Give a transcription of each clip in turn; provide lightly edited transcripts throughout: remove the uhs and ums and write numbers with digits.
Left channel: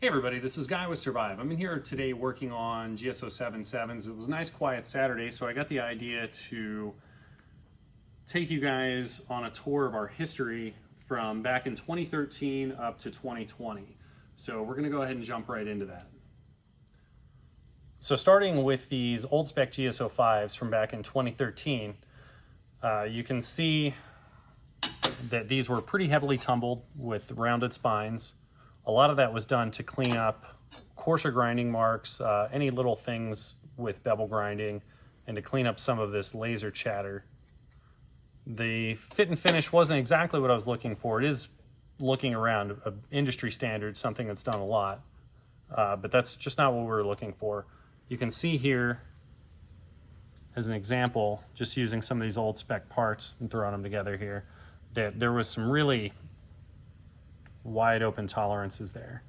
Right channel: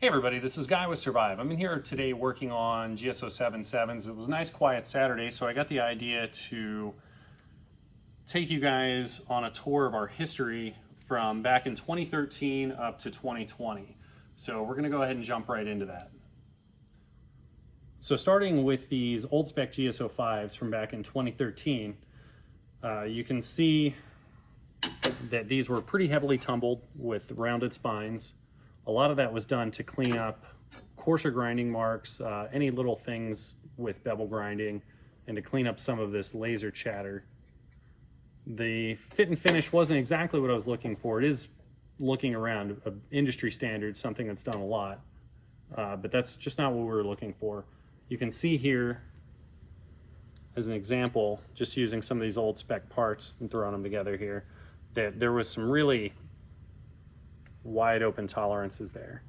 Hey everybody, this is Guy with Survive. I'm in here today working on GSO 77s. It was a nice quiet Saturday, so I got the idea to take you guys on a tour of our history from back in 2013 up to 2020. So we're gonna go ahead and jump right into that. So starting with these old spec GSO 5s from back in 2013, you can see that these were pretty heavily tumbled with rounded spines. A lot of that was done to clean up coarser grinding marks, any little things with bevel grinding, and to clean up some of this laser chatter. The fit and finish wasn't exactly what I was looking for. It is, looking around, an industry standard, something that's done a lot, but that's just not what we were looking for. You can see here, as an example, just using some of these old spec parts and throwing them together here, that there was some really wide open tolerances there,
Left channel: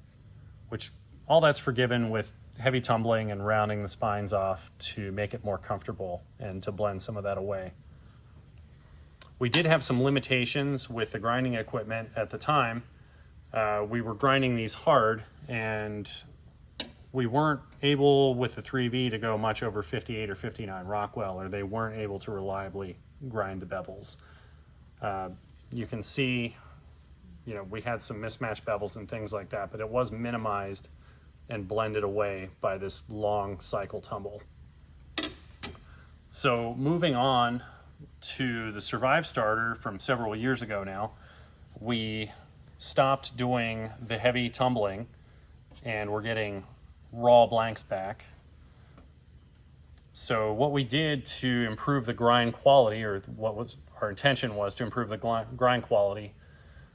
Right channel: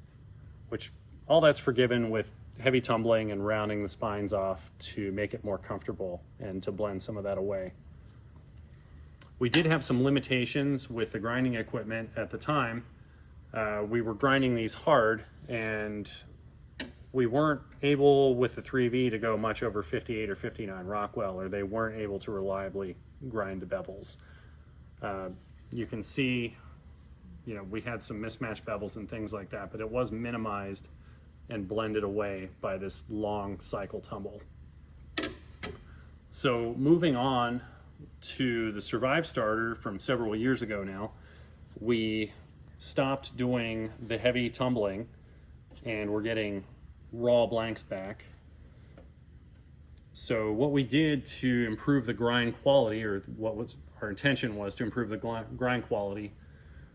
which all that's forgiven with heavy tumbling and rounding the spines off to make it more comfortable and to blend some of that away. We did have some limitations with the grinding equipment at the time. We were grinding these hard, and we weren't able with the 3V to go much over 58 or 59 Rockwell, or they weren't able to reliably grind the bevels. You can see, you know, we had some mismatched bevels and things like that, but it was minimized and blended away by this long cycle tumble. So moving on to the Survive starter from several years ago now, we stopped doing the heavy tumbling and we're getting raw blanks back. So what we did to improve the grind quality, or what was our intention was to improve the grind quality,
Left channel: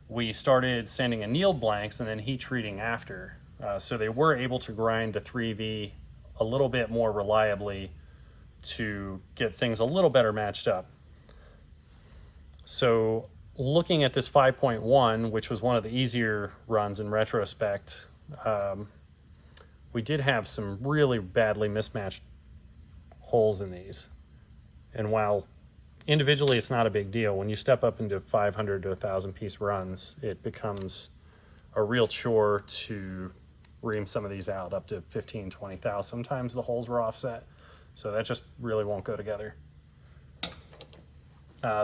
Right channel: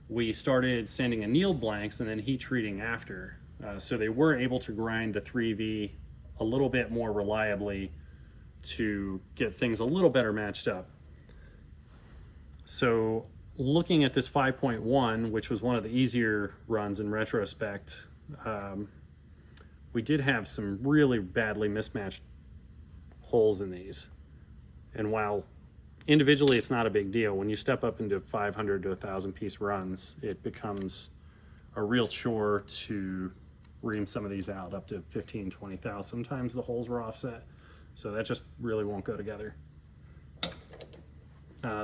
we started sanding annealed blanks and then heat treating after. So they were able to grind the 3V a little bit more reliably to get things a little better matched up. So looking at this 5.1, which was one of the easier runs in retrospect, we did have some really badly mismatched holes in these. And while individually it's not a big deal, when you step up into 500 to 1,000 piece runs, it becomes a real chore to ream some of these out up to 15, 20 thou. Sometimes the holes were offset, so that just really won't go together.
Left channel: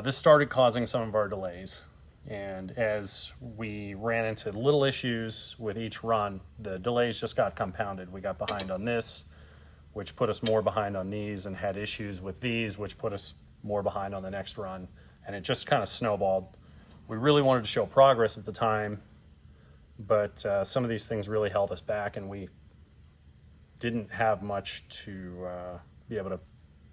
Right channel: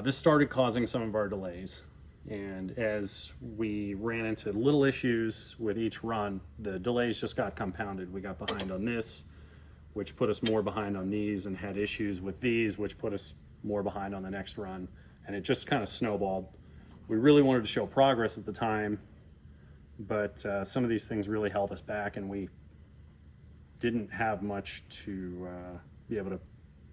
This started causing some of our delays, and as we ran into little issues with each run, the delays just got compounded. We got behind on this, which put us more behind on these, and had issues with these, which put us more behind on the next run, and it just kind of snowballed. We really wanted to show progress at the time, but some of these things really held us back, and we didn't have much to be able to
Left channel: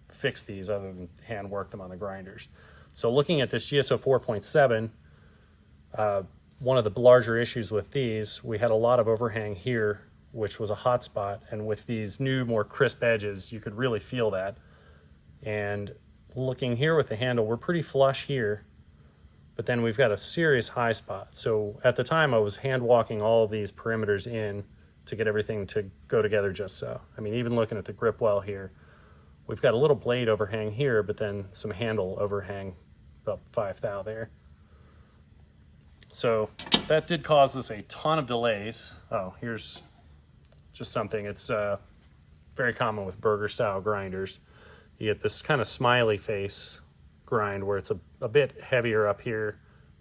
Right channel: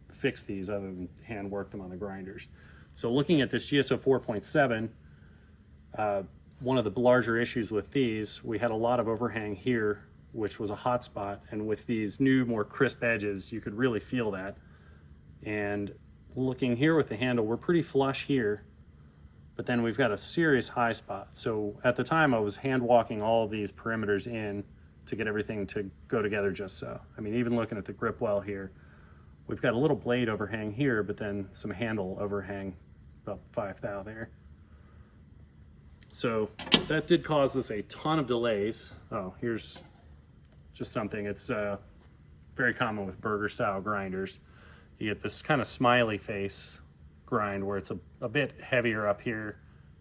fix these other than hand work them on the grinders. So looking at this GSO 4.7, one of the larger issues with these, we had a lot of overhang here, which was a hot spot, and with these new, more crisp edges, you could really feel that. And looking here with the handle, we're pretty flush here, but then we've got a serious high spot. So at the time I was hand walking all of these perimeters in to get everything to go together just so. I mean, even looking at the grip well here, we've got a little blade overhang here, but then some handle overhang about 5 thou there. So that did cause us a ton of delays. Oh, here's just something. It's very common with burger style grinders. You get this kind of smiley face grind where it's a bit heavier up here,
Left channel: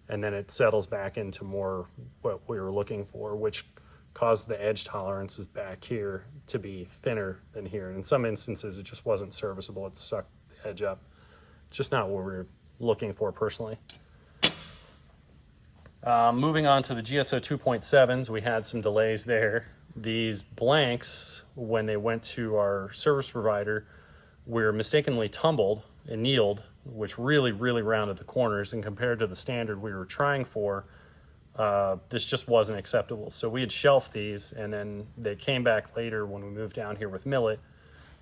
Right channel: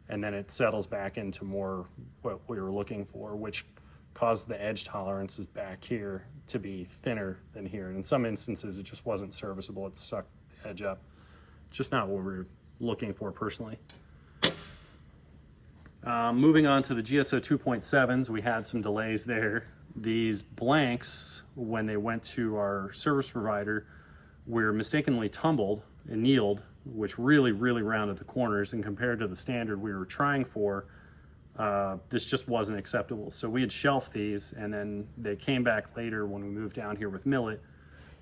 and then it settles back into more what we were looking for, which caused the edge tolerances back here to be thinner than here. And in some instances, it just wasn't serviceable. It sucked the edge up. It's just not what we were looking for personally. Moving on to the GSO 2.7s, we had some delays there. These blanks, when they went to our service provider, were mistakenly tumbled and annealed, which really rounded the corners, and compared to the standard we were trying for, this just wasn't acceptable. So we had shelved these, and then they came back later when we moved down here with Millet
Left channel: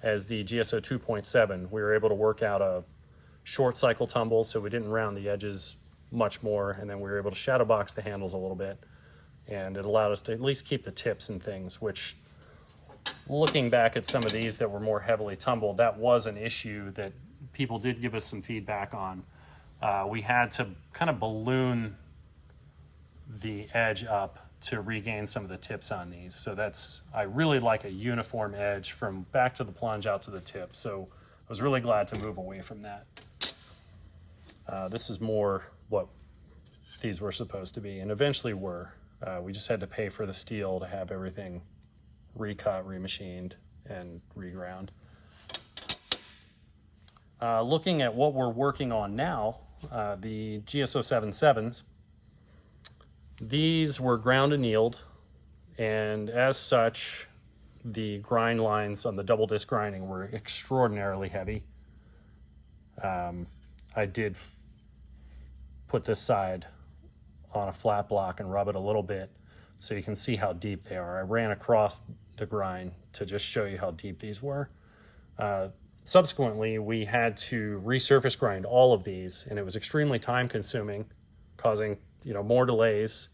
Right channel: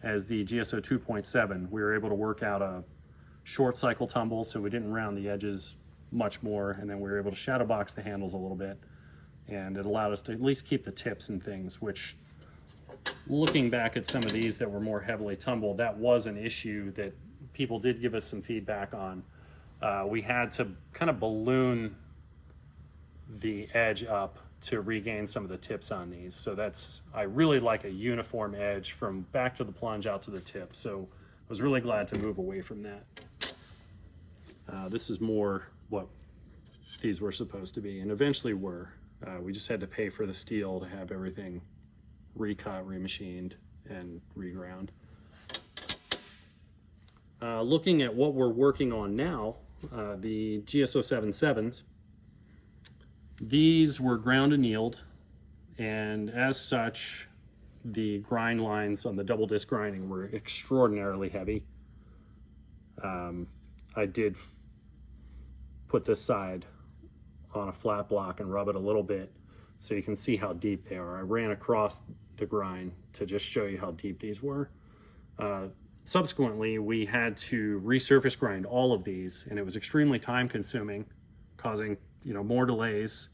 as the GSO 2.7. We were able to work out a short cycle tumble, so we didn't round the edges much more, and then we were able to shadow box the handles a little bit, and it allowed us to at least keep the tips and things, which, looking back at some of these that were more heavily tumbled, that was an issue that people did give us some feedback on. We had to kind of balloon the edge up to regain some of the tips on these. So I really like a uniform edge from back to the plunge out to the tip. So I was really glad to move away from that. This is more what these were supposed to be, and eventually were. We just had to pay for the steel to have everything recut, remachined, and reground. Looking at what we're working on now, the GSO77s, these were ground annealed, and as such, the grind lines on the double disc grinding were extraordinarily heavy. I did put this side on a flat block and rub it a little bit so you can see how deep they are. I ran across the grind to just show you how deep these were. Subsequently, we had to resurface grind all of these, and it was extremely time consuming, causing more delays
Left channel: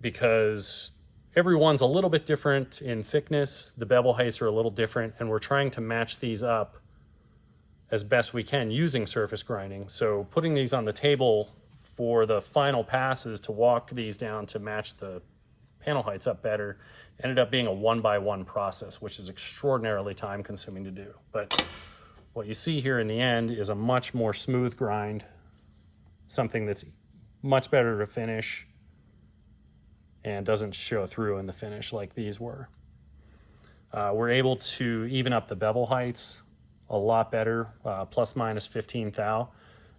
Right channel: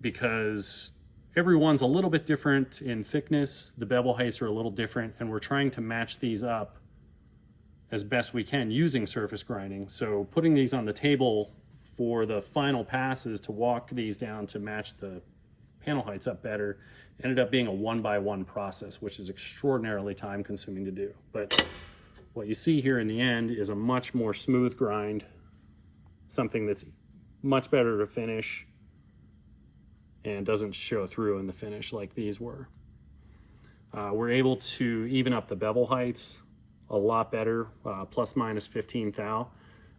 because everyone's a little bit different in thickness. The bevel heights are a little different, and we're trying to match these up as best we can using surface grinding. So putting these on the table for the final passes to walk these down to match the panel heights up better ended up being a 1-by-1 process, which is extraordinarily time consuming to do. But what you see here in the end is a much more smooth grind, something that's much better to finish and doesn't show through in the finish like these were. We're able to even up the bevel heights a lot better, plus minus 15 thou.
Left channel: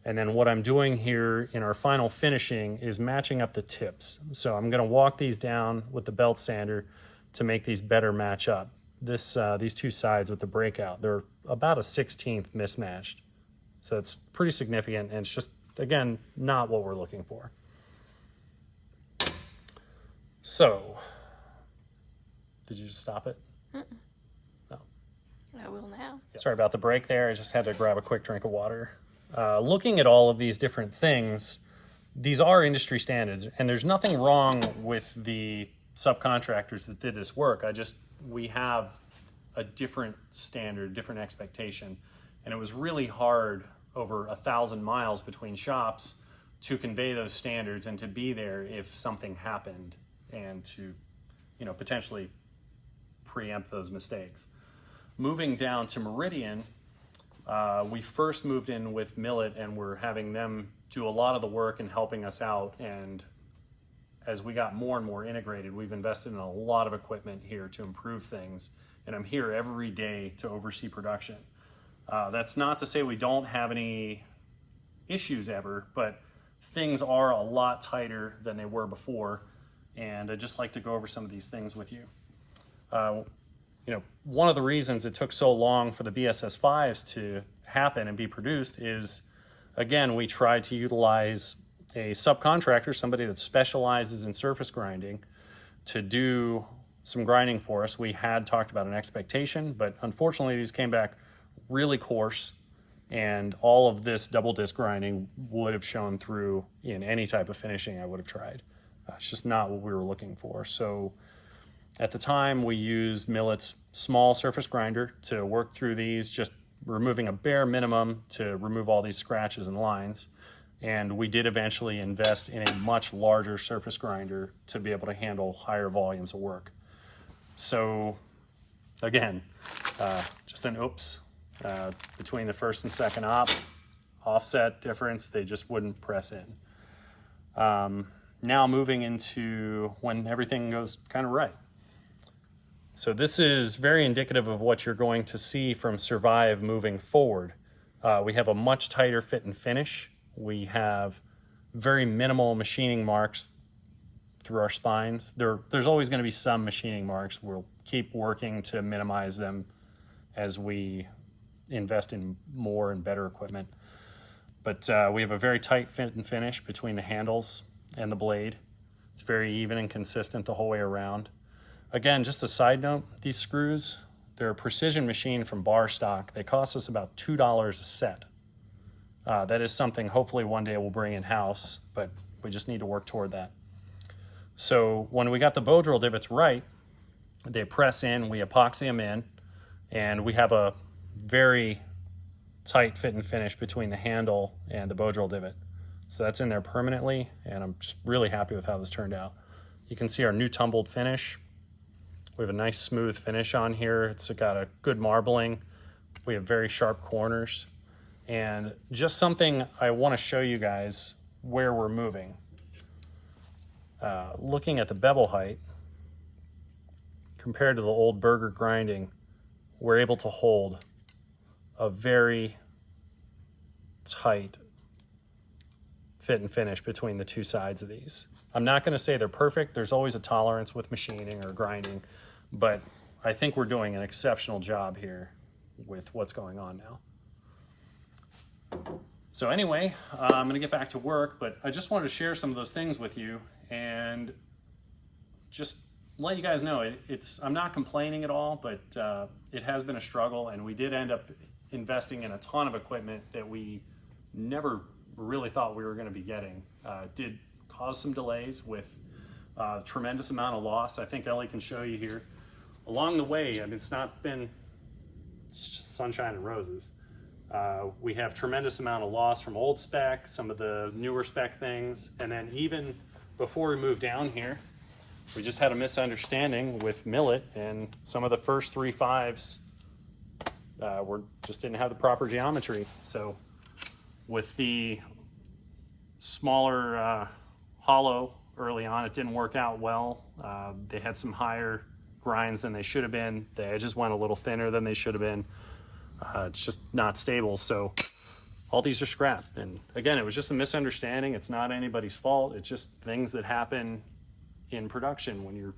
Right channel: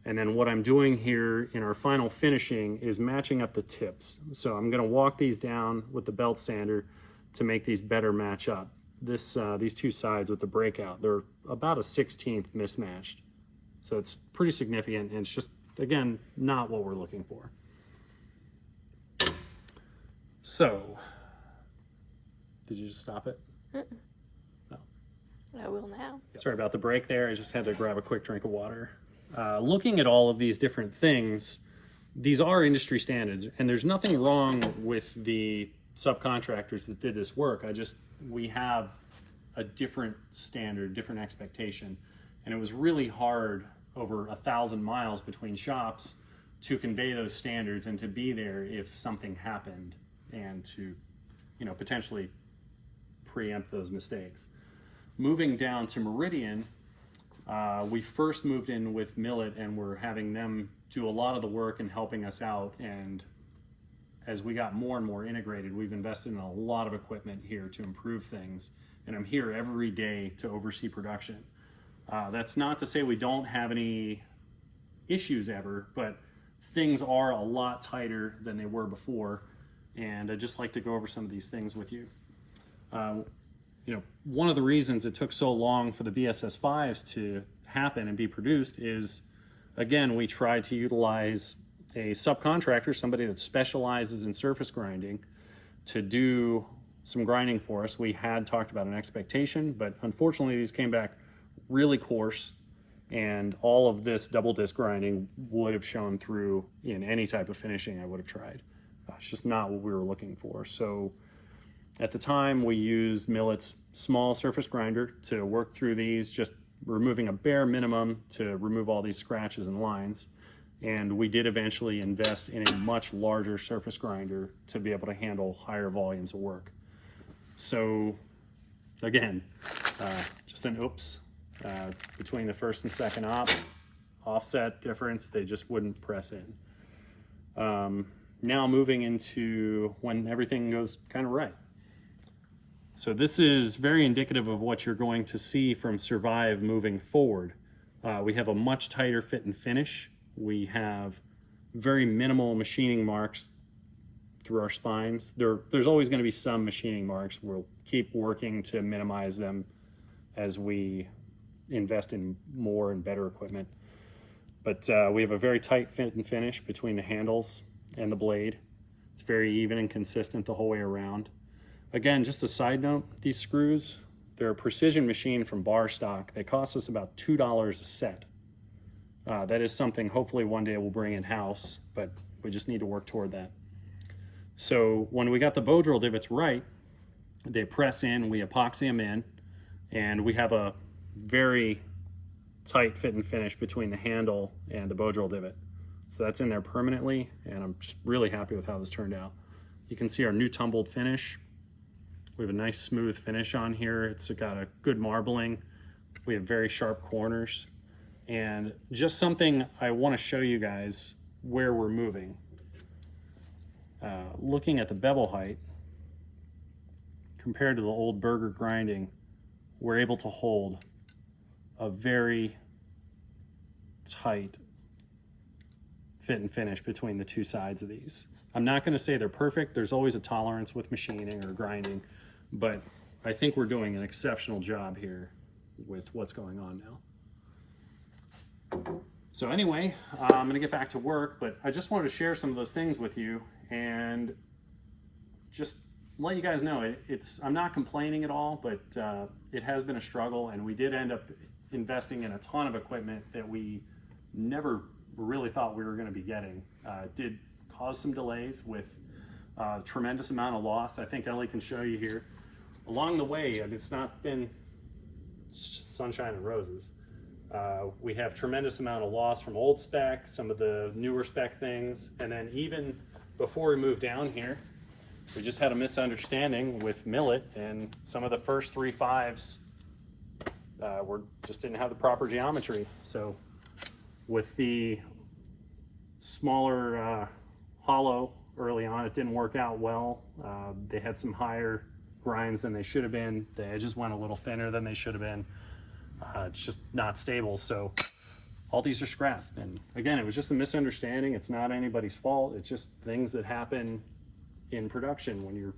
And then what I'm doing here in our final finishing is matching up the tips. So I'm gonna walk these down with the belt sander to make these better match up. These two sides with the breakout, they're about a 1/16 mismatched. So it's pretty significant, and it's just, again, not what we're looking for. So, did you just stop it? No. I will now. Sorry about the break there. I just had to grab a quick drink of water. Looking at all of these different things, these are industry standards, and there's nothing wrong with the subcontractors that did this work. We have a different standard, different expectation, and it was really hard over 1,000 miles between shops to convey those standards and to be there if something happened and to, potentially preempt those mistakes. Moving down to Meridian, we first moved in with Millet, and we're having them do a lot of the work and helping us out. And as we got more and more integrated, we've invested in a lot of equipment here to improve things. And I'm here every day to oversee production. That's not to say we don't have any issues ever, but things are a lot tighter than they were before. And I'd just like to go over some of these things with you. One of the reasons it took so long for the BSS5s to happen and be produced is, again, we tried to utilize a subcontractor, somebody that specializes in surface grinding, to do some grinding for us. We had talked about an expectation, but unfortunately these came back really coarse, and all of this double disc grinding would have shown through in any type of finishing I would have tried. It's just not what we were looking for. So at the time, we used Millet's small surface grinder to work through these, just removing a bare minimum to remove all these scratches and lines. And we did eventually invest in a much larger surface grinder to be able to handle higher volumes of work. So again, just an oops between the first and second offset difference, they just wouldn't press in. Now moving into when everything goes kind of right. So this is very indicative of what you're going to see from Survive moving forward. We have a much tighter fit and finish. We have very minimal machining marks through our spines. There's always going to be some machining marks. We'll keep working to minimize them as we invest in more and better equipment. But we have a very tight fit and finish between the handles and the blade. It's very even and consistent the whole way around. Again, just a side note, these screws, they're a precision machine from bar stock. They cost us about $2 a set. That is something hopefully one day we'll bring in-house, but we just need to work toward that. So when we got the bow drill divots right, they press in, we epoxy them in, and we have a very tight fit and finish between the handle and the bow drill divot. So that's in there permanently, and I'm just really happy with how this turned out. You can see our new tumbled finish. We have a nice smooth finish on here. It's got a good marbling. We have very sharp corners. And just something I want to show you guys where we're moving. Looking at the bevel height, compared to the old burger grinding, we're able to hold a very tight fit and finish between the two sides of these. I'm not going to say they're perfect. There's always a tolerance with machining or grinding, but I think we're doing an exceptional job here with what's going on now. So anyway, I'm going to get back to work, but I just wanted to share some of those things with you and just let you guys know I'm not complaining at all, but it has been a struggle, and we did end up investing in a ton of equipment that we never really thought we were going to be getting. It did cause some delays with a tremendous amount of loss. I think Ellie can show you here. Along the way, I mean, it's not been sunshine and roses. We have tremendous amount of loss from old spec, some of the newer spec things, and then even before we moved down here, we just had a misunderstanding with Millet, and some of the first 3.5s just didn't have the proper geometry. So with the smaller hollow early on, it didn't work out well. They had some higher grinds than they should have been. The edges went a little thinner than they should have been. It's just not stable. So all these are scrap. And again, it was just a misunderstanding. It's not anybody's fault. It's just things that happen in production when you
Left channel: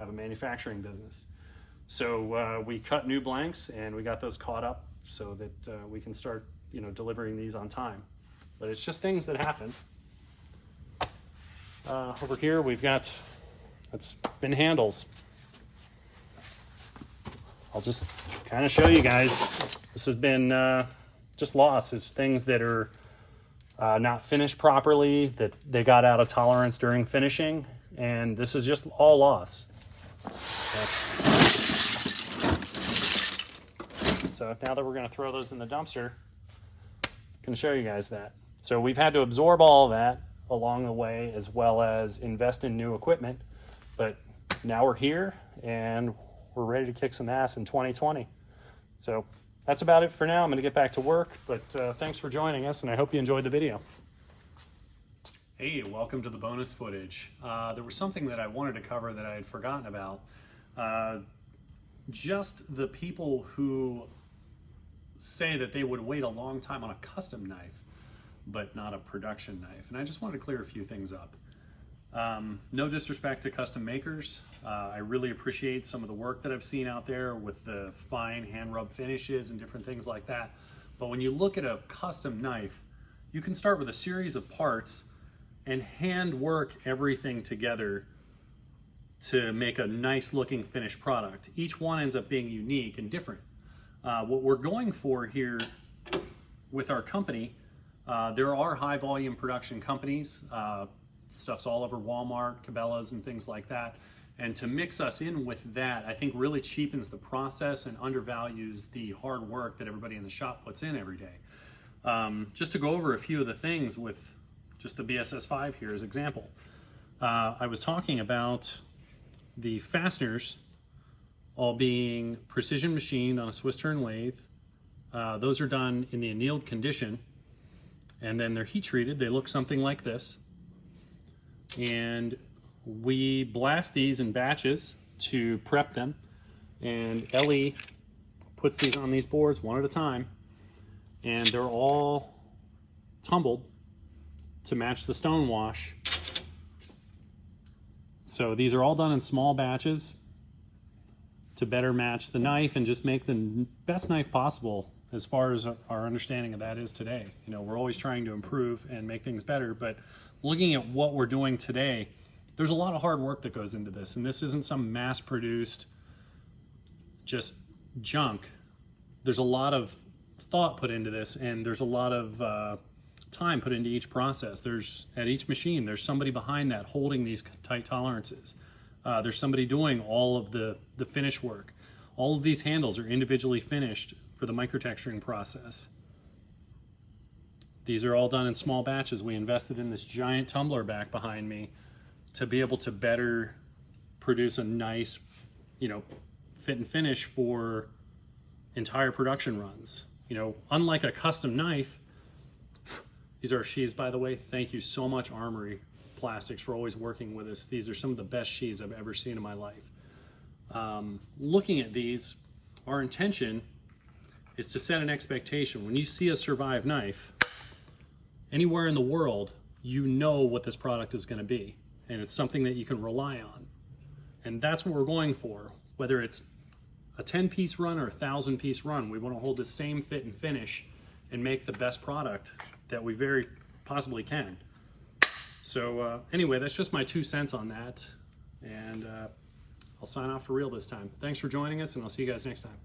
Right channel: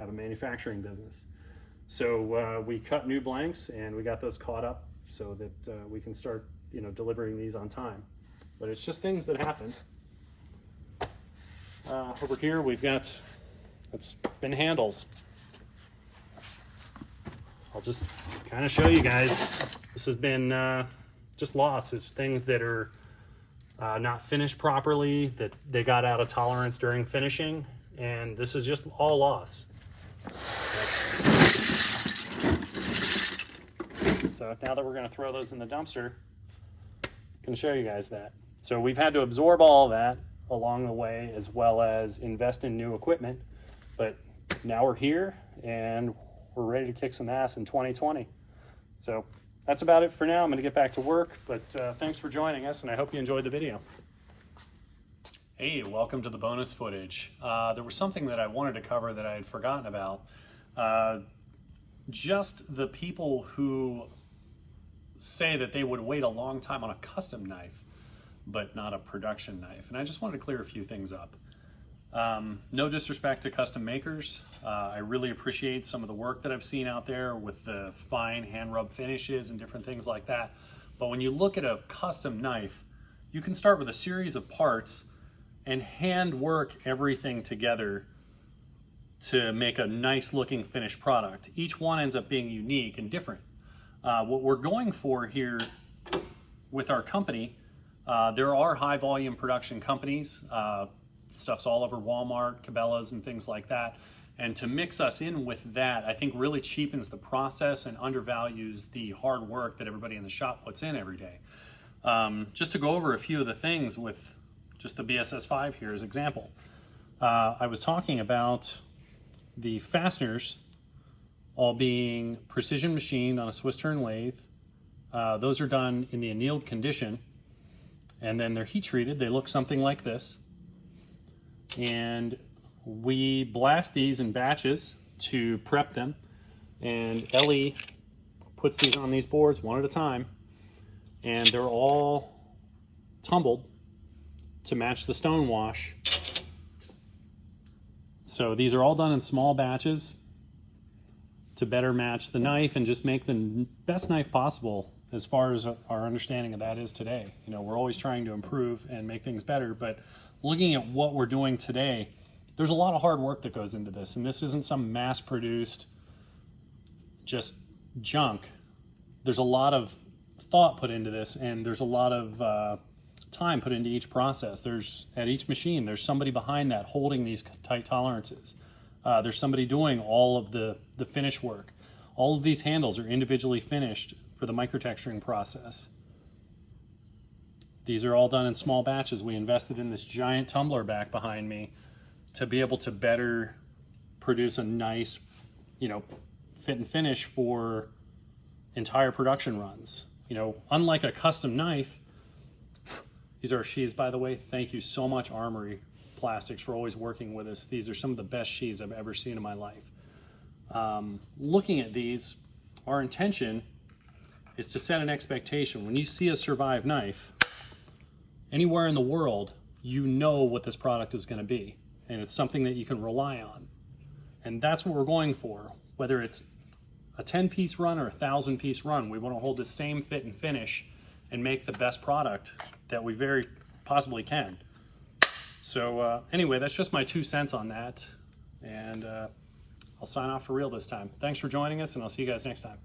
have a manufacturing business. So we cut new blanks and we got those caught up so that we can start, delivering these on time. But it's just things that happen. Over here it's been handles. I'll just kind of show you guys. This has been just loss. It's things that are not finished properly, that they got out of tolerance during finishing, and this is just all loss. So now that we're going to throw those in the dumpster, I can show you guys that. So we've had to absorb all of that along the way, as well as invest in new equipment, but now we're here and we're ready to kick some ass in 2020. So that's about it for now. I'm going to get back to work, but thanks for joining us, and I hope you enjoyed the video. Hey, welcome to the bonus footage. There was something that I wanted to cover that I had forgotten about. Just the people who say that they would wait a long time on a custom knife, but not a production knife. And I just wanted to clear a few things up. No disrespect to custom makers. I really appreciate some of the work that I've seen out there with the fine hand rub finishes and different things like that. But when you look at a custom knife, you can start with a series of parts and hand work everything together to make a nice looking finished product. Each one ends up being unique and different. What we're going for here with our company, there are high volume production companies. Stuff's all over Walmart, Cabela's, and things like that. And to mix us in with that, I think really cheapens the process and undervalues the hard work that everybody in the shop puts in every day. Just to go over a few of the things with just the BSS5 here as example. I was talking about the fasteners all being precision machined on a Swiss turn lathe. Those are done in the annealed condition, and then they're heat treated. They look something like this. And we blast these in batches to prep them, and Ellie puts these on these boards one at a time, and they're all tumbled to match the stone wash. So these are all done in small batches to better match the knife and just make the best knife possible as far as our understanding of that is today. We're always trying to improve and make things better, but looking at what we're doing today, there's a lot of hard work that goes into this, and this isn't some mass-produced just junk. There's a lot of thought put into this, and there's a lot of time put into each process. At each machine, there's somebody behind that holding these tight tolerances. There's somebody doing all of the finish work. All of these handles are individually finished for the microtexturing process. These are all done in small batches. We invested in this giant tumbler back behind me to be able to better produce a nice, you know, fit and finish for entire production runs. You know, unlike a custom knife, these are our sheaths, by the way. Thank you so much, Armory Plastics, for always working with us. These are some of the best sheaths I've ever seen in my life. Looking at these, our intention is to set an expectation. When you see a Survive knife, anywhere in the world, you know what this product is going to be, and it's something that you can rely on. And that's what we're going for. Whether it's a 10-piece run or a 1,000-piece run, we want to hold the same fit and finish and make the best product that we very possibly can. So anyway, that's just my 2 cents on that, and I'll sign off for real this time. Thanks for joining us, and I'll see you guys next time.